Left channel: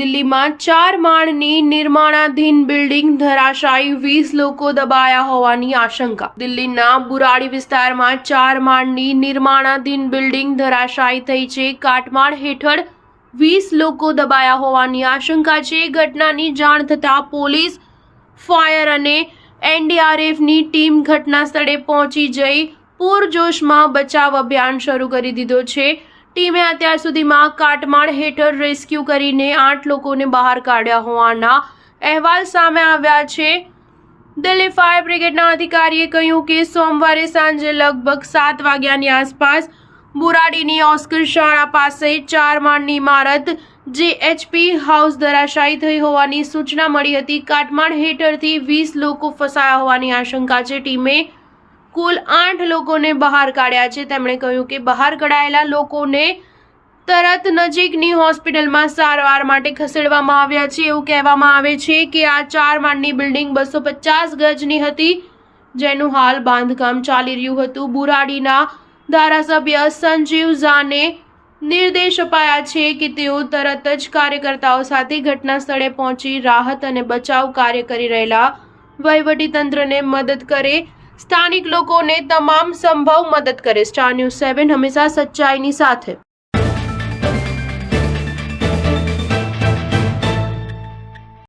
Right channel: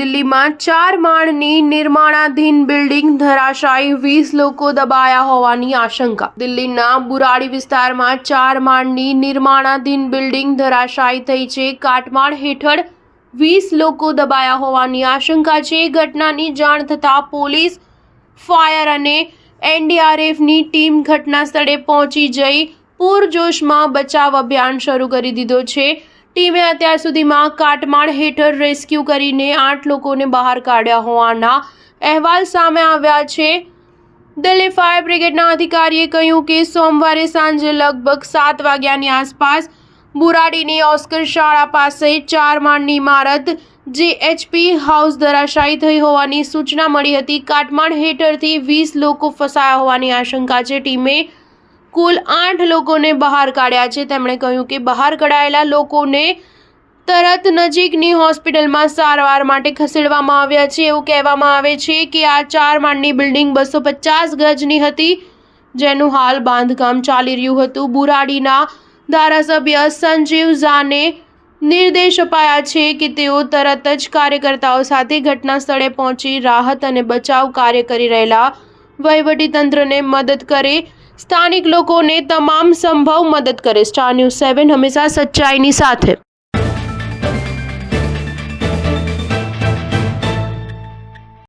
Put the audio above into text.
દિલ્હીમાં 4 માળની નિર્માણાધીન બિલ્ડિંગ ધરાશાયી, 20 લોકો દબાયા હોવાની આશંકા. દિલ્હીના બુરાડી વિસ્તારમાં 4 માળની નિર્માણાધીન બિલ્ડિંગ ધરાશાયી થઈ છે. કાટમાળ હેઠળ 20 લોકો દબાયા હોવાની આશંકા છે. ઘટનાની જાણ થતાં પોલીસ, ફાયર અને એનડીઆરએફની ટીમ ઘટના સ્થળે પહોંચી જઈ પૂરજોશમાં બચાવ અભિયાન શરૂ કરી દીધો છે. ટીમે અત્યાર સુધીમાં કાટમાળ હેઠળ રેસ્ક્યુ કરીને 8 લોકોને બહાર કાઢ્યા હોવાના અહેવાલ સામે આવ્યા છે. દિલ્હી ફાયર બ્રિગેડના અધિકારીએ કહ્યું કે સોમવારે સાંજે લગભગ 7 વાગ્યાની આસપાસ બુરાડીની ઓસ્કર શાળા પાસે 4 માળની ઇમારત જેએચપી હાઉસ ધરાશાયી થઈ હોવાની સૂચના મળી હતી. કાટમાળ હેઠળથી 20 લોકો ફસાયા હોવાની આશંકા છે. ટીમે કુલ 8 લોકોને બહાર કાઢ્યા છે. તેમણે કહ્યું કે બહાર કઢાયેલા લોકોને તરત નજીકની હોસ્પિટલમાં સારવાર માટે ખસેડવામાં આવ્યા છે. એવું કહેવામાં આવે છે કે આ 4 માળની બિલ્ડિંગ 250 ગજની હતી, જેનું હાલ બાંધકામ ચાલી રહ્યું હતું. બુરાડીના ધારાસભ્ય સંજીવ ઝાને નિર્દેશ અપાયા છે કે તેઓ તરત જ કાર્યકર્તાઓ સાથે ઘટના સ્થળે પહોંચી રાહત અને બચાવ કાર્ય કરી રહેલા વહીવટીતંત્રને મદદ કરે, સ્થાનિક લોકોને તમામ સંભવ મદદ કરે. સ્ટાર ન્યૂઝ 7 હંમેશા સચ્ચાઈની સાથે.